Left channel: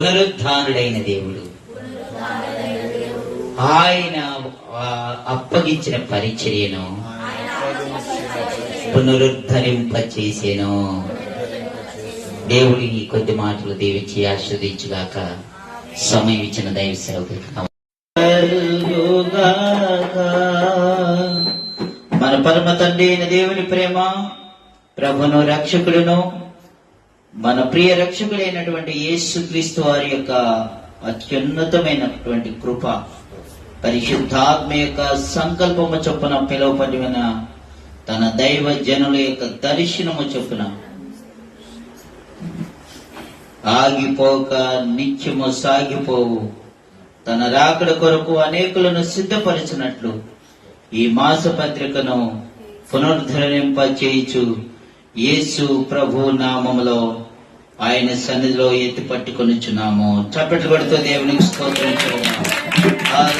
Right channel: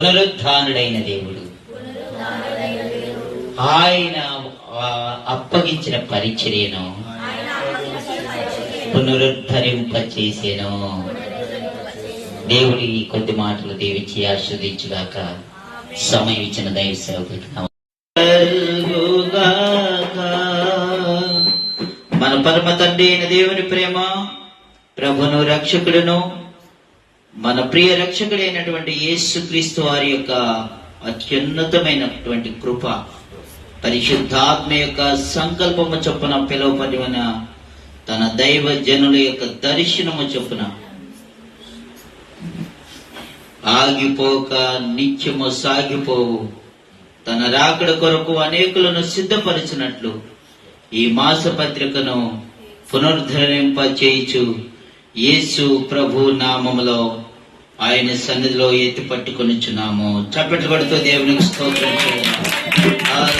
పునరుద్ధానుడైన దేవుడు ఆయన అప్పగించిన పరిచర్యను పునరుద్ధరింపచేసేను. దేవుడి ఈ కొద్ది మాటలు దీవించి ఆశీర్వదించుగాక. సమయం ఇచ్చిన దైవ సేవకులకు మన పరమ తండ్రి అయిన దేవుని ప్రేమ, ప్రభును రక్షకుడును మన ప్రియ రక్షకుడైనటువంటి యేసుక్రీస్తు వారి యొక్క అత్యున్నతమైనటువంటి కృప, పరిశుద్ధాత్మ యొక్క సంకల్పము చొప్పున పిలువబడిన తన దైవ జనుల యొక్క దర్శనము చొప్పున ఆగిపోక నిత్యము సాగిపోవు తన రాకడ కొరకు అనేకులను సిద్ధపరిచినట్లు ఈ మాస పత్రికను పునరుద్ధరింప చేయుచు యేసు ప్రభు నామములో ఆయన సన్నిధిలో ఎత్తి పట్టుకొనిచున్నాము. చప్పట్లు పడుతూ దేవునికి స్తోత్రం చేయండి.